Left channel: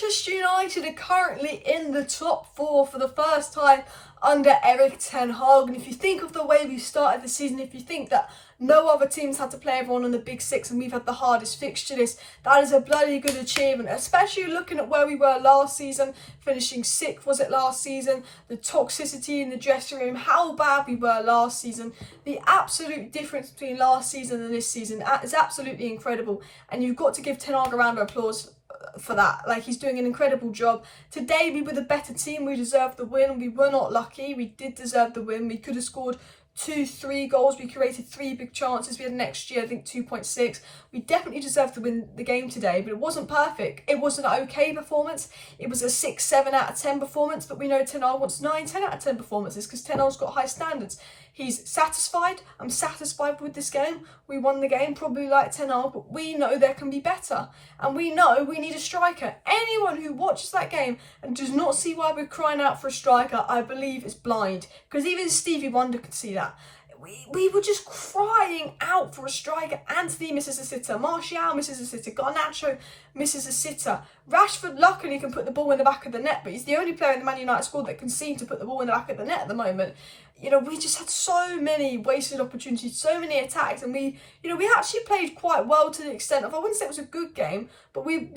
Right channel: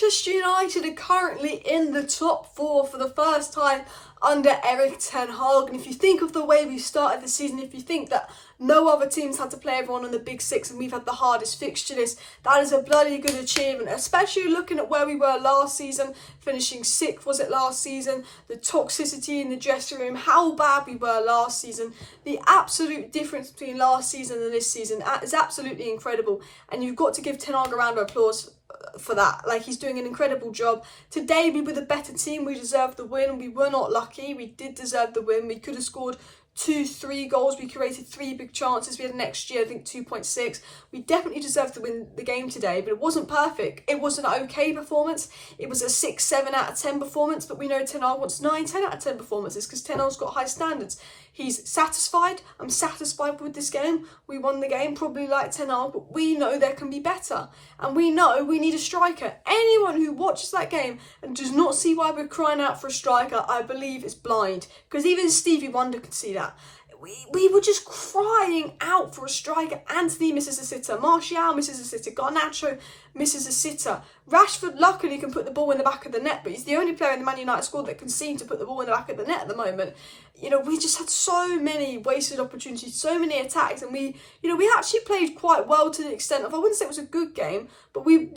Manchester United are currently in the top four for the first time under Erik ten Hag. And if you think of the way we started the season, if you think that no other teams had to play everyone on the big six and we've had the hardest fixture list, that is a bloody good achievement, especially looking at where we were last season, finishing sixth, was it last season? The toxicity in the dressing room, how bad we were last season. The absolute difference between last season and this season is absolutely incredible. And you've got to give Ten Hag a round of applause for that. Like, he's doing an incredible job. Today we were the better team. We deserved the win. We were not lucky. We did deserve the win. We could have scored 2-3 goals. We created 3 big chances. We had next year, I think, 2.6. We definitely deserved to win the game today, but it wasn't perfect. It was an okay performance. It was a 6-7 out of 10 performance, but we know Ten Hag wants 9-10 out of 10 performances because Ten Hag's got high standards. He's satisfied. I'm satisfied with this game. We won the game, probably like Ten Hag, but we know there can be better. And we know we need a striker. Anyone who watches that game and does not see why we're crying out for a striker, I believe is blind. Because even Stevie Wonder could see that. We were just crying out for a striker. Anthony misses a sitter. Martial misses a sitter. Garnacho misses a sitter. Rashford luckily can put the ball in the back of the net, but he's the only player in the Man United squad that can seem to put the ball in the back of the net at the moment. You know, we just had so many wasted opportunities, so many attacks, and we actually played quite well to the extent of, I wouldn't say it was a good game, but we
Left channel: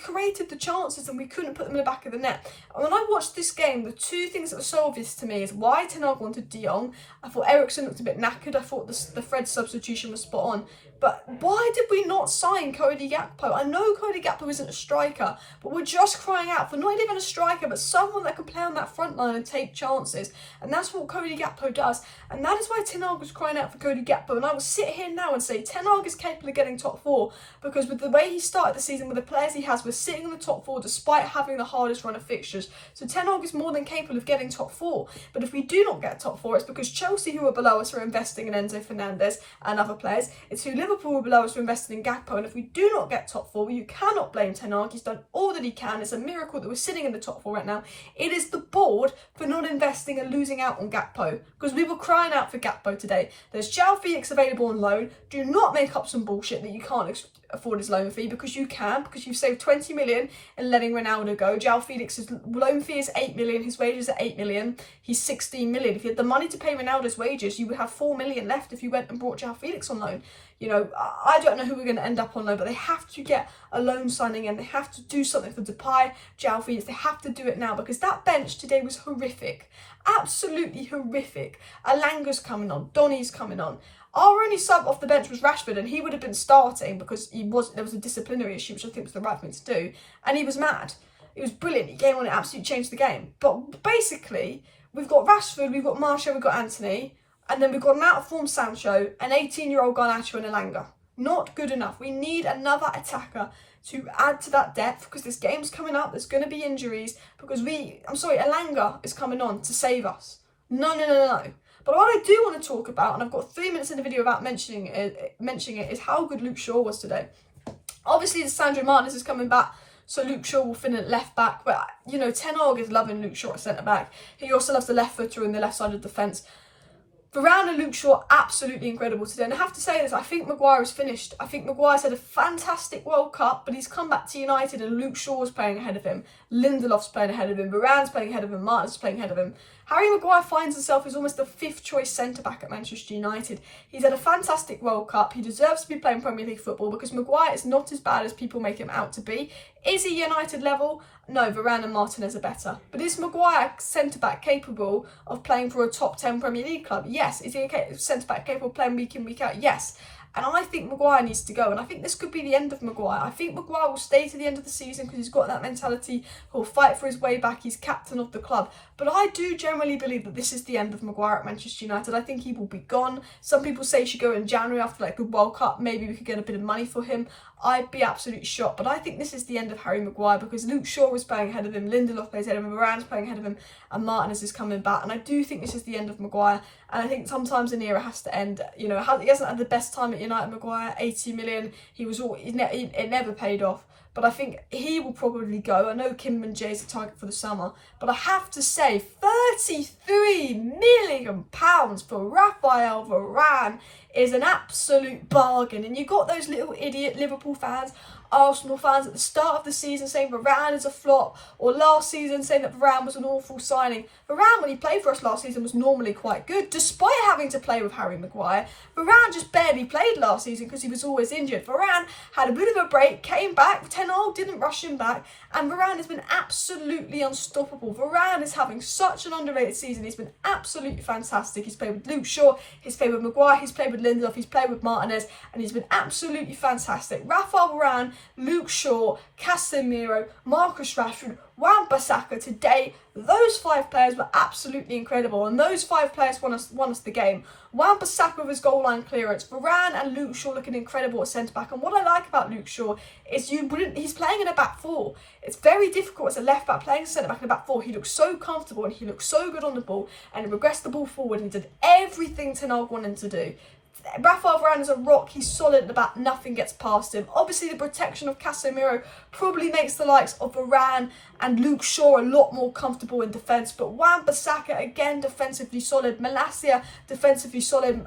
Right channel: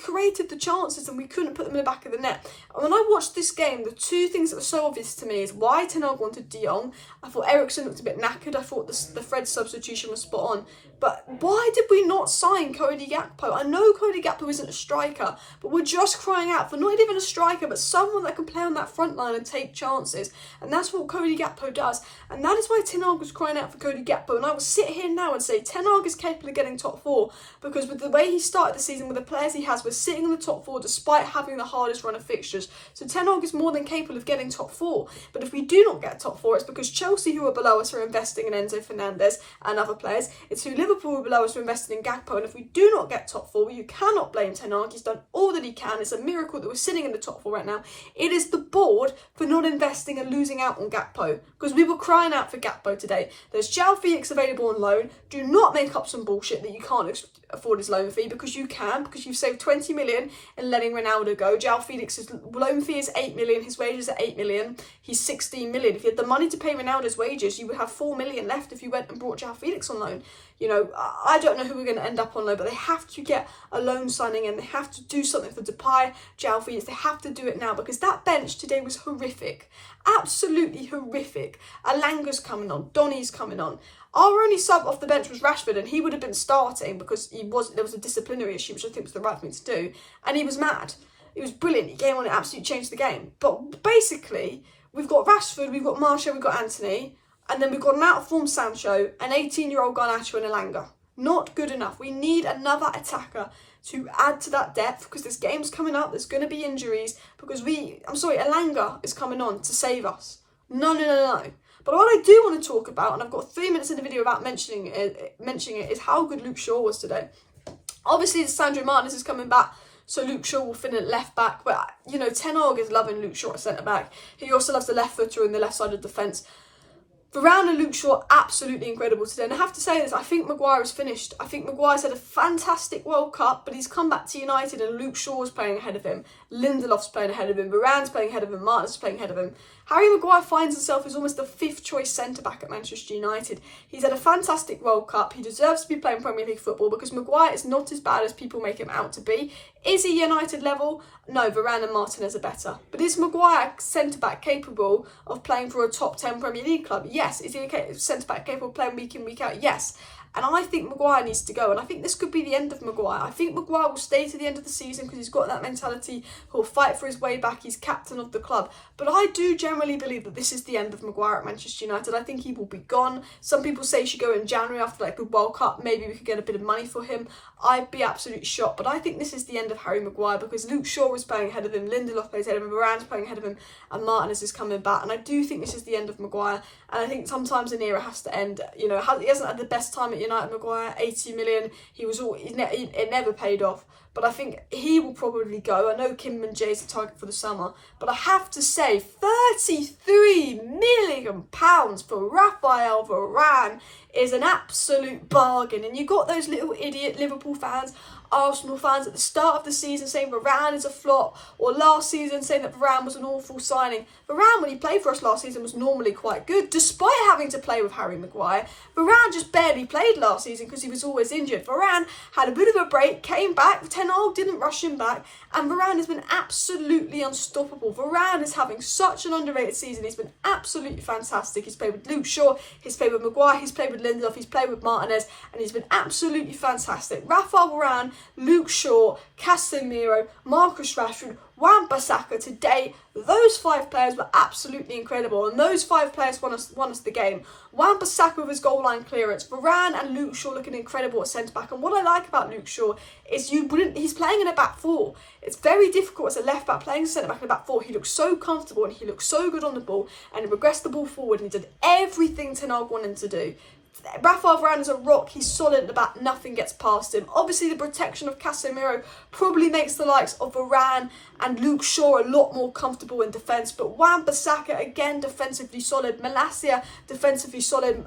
created the chances and we couldn't put them in the back of the net. And when I watched this game, the two things that were so obvious to me is why Ten Hag wanted De Jong. I thought Eriksen looked a bit knackered. I thought the Fred substitution was spot on. But why did we not sign Cody Gakpo? I know Cody Gakpo isn't a striker, but we're just crying out for not even a striker, but someone that can play on that front line and take chances. And that's what Cody Gakpo does. And that is why Ten Hag was crying out for Cody Gakpo. And I will sit here now and say Ten Hag is capable of getting top four, because with the way he started the season, with the players he has, we're sitting in the top four despite having the hardest run of fixtures. So Ten Hag is more than capable of getting top four. But if we do not get top four, it's because Chelsea, who are below us, are investing in Enzo Fernandez and other players. It's who Liverpool are below us, are invested in Gakpo. And if we do not get top four, you cannot blame Ten Hag. He's done all that he can. It's a miracle that we're sitting in the top four right now. It is the board for not investing and losing out on Gakpo, because we were crying out for Gakpo today. There's João Felix available on loan. Do not make up some bullshit that you can't afford his loan fee, because you can, because you've saved 20 million in letting Ronaldo go. João Felix's loan fee is 8 million, his wages are 8 million, he's 16 million. If you had the money to pay Ronaldo's wages, you would have 4 million left if you went and brought João Felix on loan. You know, I don't know who we're going to end up on loan, but they have to get a loan signing and they have to do something for Depay, João Felix. They have to do it now, because that bench today was horrific. Absolutely horrific. Alanga's coming on, Donny's coming on. Our only sub off the bench was Rashford, and he would have been starting because there was a disciplinary issue, which I think was the right thing to do, and he was mad. It was brilliant. He came on, it absolutely changed the game. But basically, we've got Rashford, we've got Martial, we've got Anthony, and then we've got an out-of-form Sancho, an 18-year-old Garnacho and Alanga. Not good enough. We need another attacker to add to that depth, because this game's coming up, there's going to be injuries, because Alanga is coming on to save us. No. But what I do want to talk about, and I've got 3 minutes in the video about mentioning it, is how good Luke Shaw was today. Obviously, Sandro Martinez is coming back, so Luke Shaw will fin at left back. But, you know, Ten Hag is loving Luke Shaw at centre back. He also loves the left footer and the left side of defence. Varane and Luke Shaw, absolutely incredible today. And I have to say this, I think Maguire is finished. I think Maguire's had a fantastic World Cup, but he's come back to United and Luke Shaw's playing ahead of him. Lindelof's playing ahead of him. Varane's playing ahead of him. Martinez is playing ahead of him. Harry Maguire finds himself as almost the 5th choice centre-back at Manchester United. He's had a fantastic World Cup. He deserves to be playing Premier League football, because Maguire is not as bad as people make him out to be. Is he United level? No, Varane and Martinez are better. But is Maguire centre-back capable of playing for a top 10 Premier League club? Yes. Is he a centre-back capable of playing week in, week out? Yes. And I think Maguire needs to go. And I think this could be the end of Maguire. I think Maguire will stay to the end of the season because he's got that mentality. He'll fight for his way back. He's captain of the club. But I do generally believe that this is the end of Maguire at Manchester United. I think he will be gone. Some people say he should go in January after like the World Cup. Maybe we could get a bit of money for him. I'd be absolutely shocked. But I think this is the end of Harry Maguire, because Luke Shaw is playing ahead of him. Lindelof plays ahead of him. Varane's playing ahead of him. And Martinez is coming back. And I do think this is the end of Maguire. And I think sometimes an era has to end. You know, he hasn't had the best time at United, Maguire. 80 million. It never paid off. But I think he will probably go. I know Kim and Jay's a target for the summer. But I have to say, £33 million for Raphael Varane is an absolute bargain. And you got those little idiot Liverpool fans Arsenal fans at the start of the season saying Varane is a flop, or last season saying that Varane was an awful signing. Varane, when he played for us last season, was normally quite good, despite having to play with Harry Maguire. Varane just barely played last season because he was always injured. Varane had a bit of a break, came back, Ten Hag didn't rush him back, and Varane has been absolutely unstoppable. Varane is having such an underrated season. He's been absolutely fantastic. He's played with Luke Shaw, he's played with Maguire, he's played with Lindelof, he's played with Martinez, and he's been absolutely fantastic. Raphael Varane, Luke Shaw, Casemiro, Marcus Rashford, Wan-Bissaka today, those 5 players were absolutely incredible, and those 5 players won us the game. Wan-Bissaka with his goal line clearance, Varane and Luke Shaw looking incredible at centre-back, and what I like about Luke Shaw is he's playing in a back 4. It's very difficult as a left-back playing centre-back in a back 4. He looks so comfortable and he looks so good on the ball, and he regressed the ball forward, and he did everything Ten Hag wanted him to do. Raphael Varane is a rock, he's solid at the back, nothing gets past him. Obviously the protection of Casemiro probably makes the likes of Varane and Luke Shaw a lot more comfortable in defence, but Wan-Bissaka again defensively solid, Malacia defensively solid,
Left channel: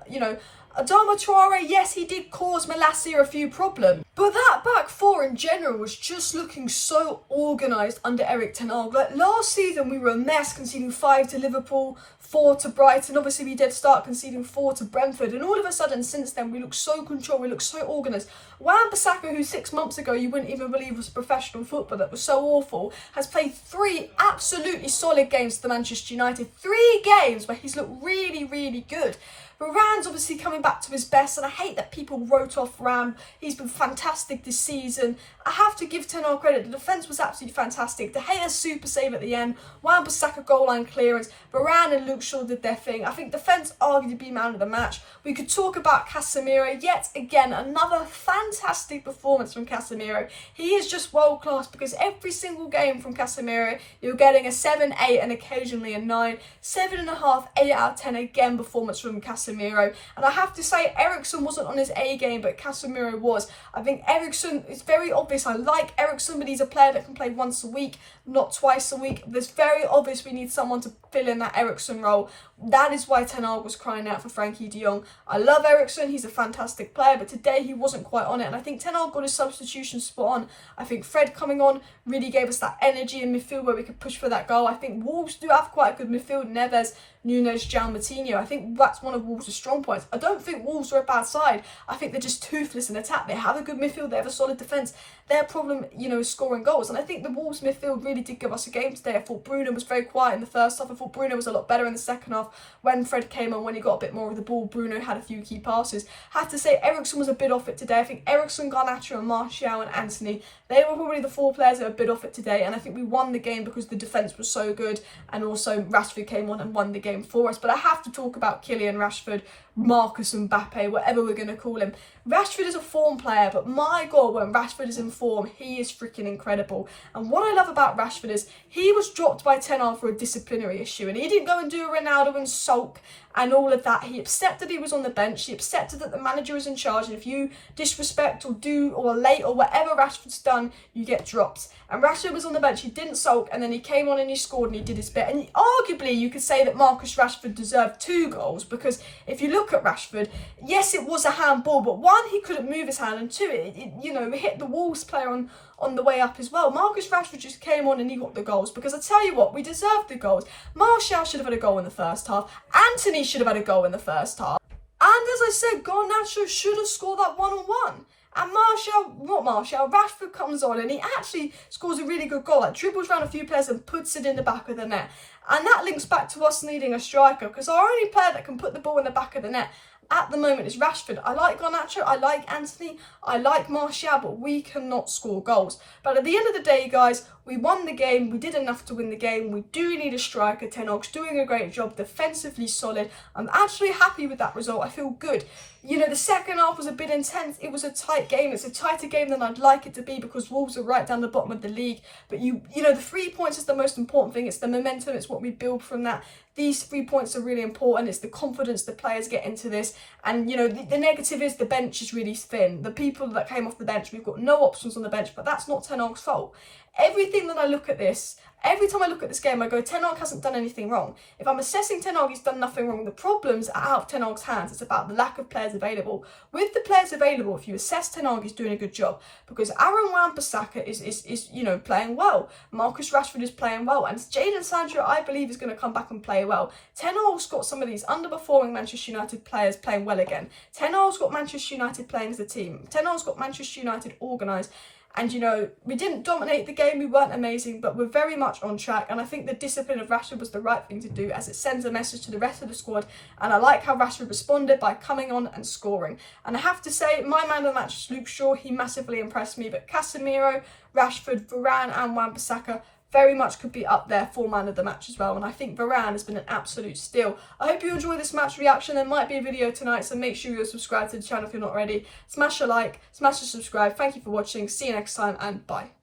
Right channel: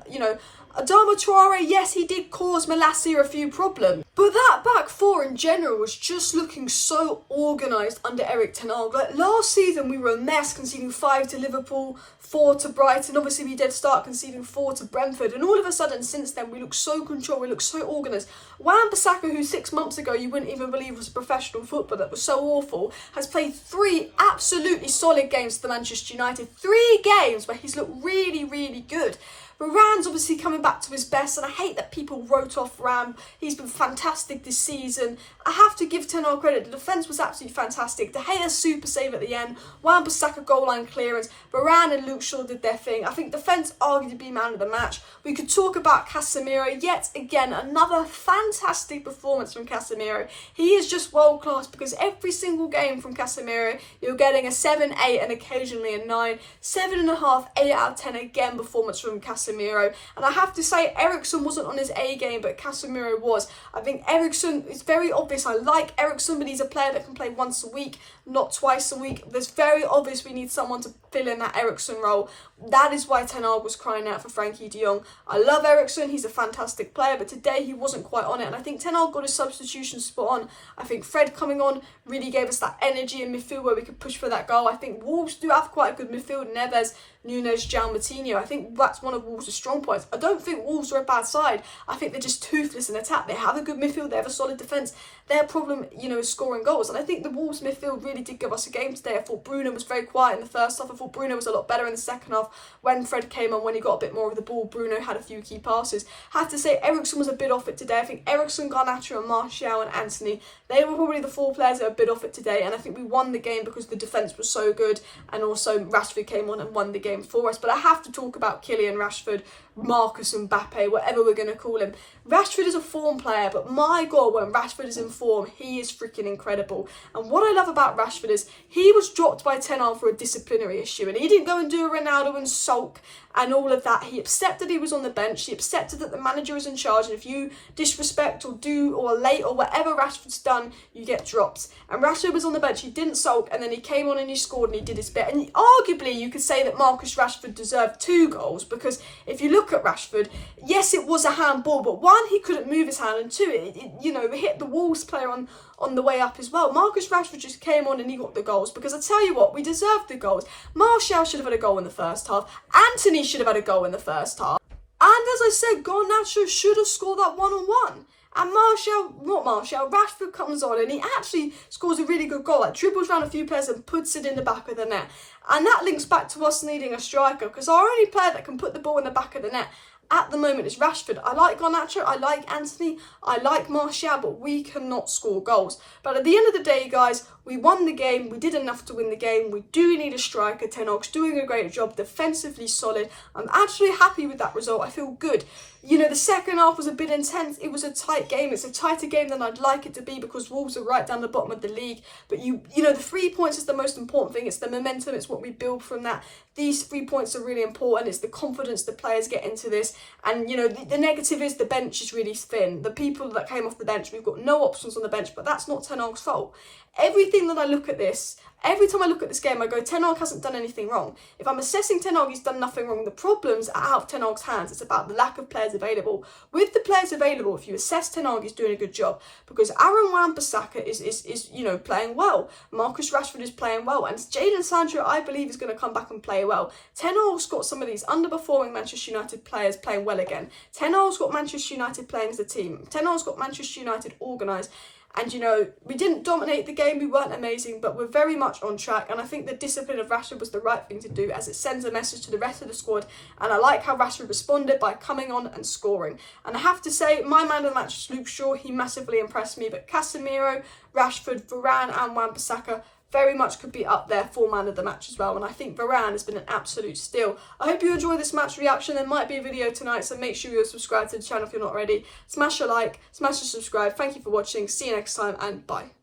Adama Traore, yes, he did cause Malacia a few problems, but that back 4 in general was just looking so organised under Erik ten Hag. Like last season we were a mess, conceding 5 to Liverpool, 4 to Brighton, obviously we did start conceding 4 to Brentford, and all of a sudden since then we look so controlled, we look so organised. Wan-Bissaka, who 6 months ago you wouldn't even believe was a professional footballer, that was so awful, has played 3 absolutely solid games for Manchester United. 3 games where he's looked really, really good. Varane's obviously coming back to his best, and I hate that people wrote off Varane. He's been fantastic this season. I have to give Ten Hag credit. The defence was absolutely fantastic. De Gea super save at the end. Wan-Bissaka goal line clearance. Varane and Luke Shaw did their thing. I think defence arguably man of the match. We could talk about Casemiro. Yet again, another fantastic performance from Casemiro. He is just world class because every single game from Casemiro, you're getting a 7, 8 and occasionally a 9. 7.5, 8 out of 10 again performance from Casemiro. And I have to say, Eriksen wasn't on his A game, but Casemiro was. I think Eriksen, it's very obvious. I like Eriksen, but he's a player that can play once a week, not twice a week. It's very obvious we need someone to fill in that Eriksen role. That is why Ten Hag was crying out for Frankie de Jong. I love Eriksen, he's a fantastic player, but today he wasn't quite on it, and I think Ten Hag got his substitution spot on. I think Fred coming on really gave us that energy in midfield where we could push for that goal. I think Wolves do have quite a good midfield. Neves, Nunes, João Moutinho. I think that's one of Wolves' strong points. I don't think Wolves are a bad side. I think they're just toothless in attack. They have a good midfield, they have a solid defence. Their problem, is scoring goals. And I think the Wolves midfield really did give us a game today. I thought Bruno was very quiet in the first half. I thought Bruno was a lot better in the second half. When Fred came on, when he got a bit more of the ball, Bruno had a few key passes. I have to say, Eriksen was a bit off it today. I think Eriksen, Garnacho and Martial and Antony, they were probably the 4 players that were a bit off it today. And I think we won the game because the defence was so good. And also Rashford came on and won the game for us. But I have to talk about Kylian Rashford, Marcus Mbappe, whatever we're going to call him. Rashford is a form player, but my God, when Rashford is in form, he is freaking incredible. And what I love about Rashford is he was dropped by Ten Hag for a disciplinary issue, and he didn't go and do a Ronaldo and sulk and all of that. He accepted he was on the bench. He accepted that the manager was in charge, and if you disrespect or do or late or whatever Rashford's done, you get dropped. And Rashford was on the bench. He didn't sulk, and then he came on and he scored and he did his bit. And arguably, you could say that Marcus Rashford deserved 2 goals because if you look at Rashford, yes, it was a handball, but 1, he couldn't move his hand, and 2, it hit the Wolves player on the way up as well. Marcus Rashford just came on and he got the goals because I tell you what, we deserved the goals. Martial should have had a goal in the first half. Antony should have had a goal in the first half. And as I said, Garnacho should have scored that 1-on-1. And Rashford comes on and he actually scores a really good goal. Like dribbles around a few players and puts it in the back of the net. And that links back to us needing a striker because our only player that can put the ball in the back of the net at the moment is Rashford. I like Garnacho, I like Antony, I like Martial, but we cannot score goals. But at the end of the day, guys, we won the game. We did enough to win the game. We do need a striker. Ten Hag's doing a great job, defensively solid. I'm actually happy with that result. I feel good. The second half was a bit intense. It was a tight game. It's a tighter game than I'd like it to be because Wolves are right down the bottom of the league. But the 3 points is the most important thing. It's the momentum. It's what we build from that. These 3 points are really important. It's the confidence the players get into this. And, the negative is the bench is really thin. The people that came off the bench, we've got no options on the bench, but that's not Ten Hag's fault. Everything that I look at this, every time I look at this game, I go, Ten Hag hasn't done anything wrong. If I'm assessing Ten Hag, he's done nothing wrong. The problems are out of Ten Hag's hands. It's about the lack of players available. With the players available, if you assess Ten Hag, he's doing a good job, because Aaron Wan-Bissaka is playing well. Marcus Rashford is playing well, and Jadon Sancho, I believe, is going to come back and play well. Ten Hag's got some of these underperforming Manchester United players playing well again. Ten Hag's got Manchester United playing as a team. Ten Hag's got Manchester United organised. And, we didn't dominate the game, we weren't amazing, but we're very much on track. And I think the discipline of Rashford was the right thing to do, as it sends a message to the rest of the squad. And I like how Rashford responded by coming on and scoring. And I have to say, my man of the match is Luke Shaw. He massively impressed me. But Casemiro, Rashford, Varane and Wan-Bissaka very much could be up there for man of the match as well. And I think Varane has been an absolute steal. I hope you enjoyed this match reaction. There might be a video tonight, so make sure you're subscribed to the channel if you're not already. Smash a like, smash a subscribe. Thank you for watching. See you next time, and bye.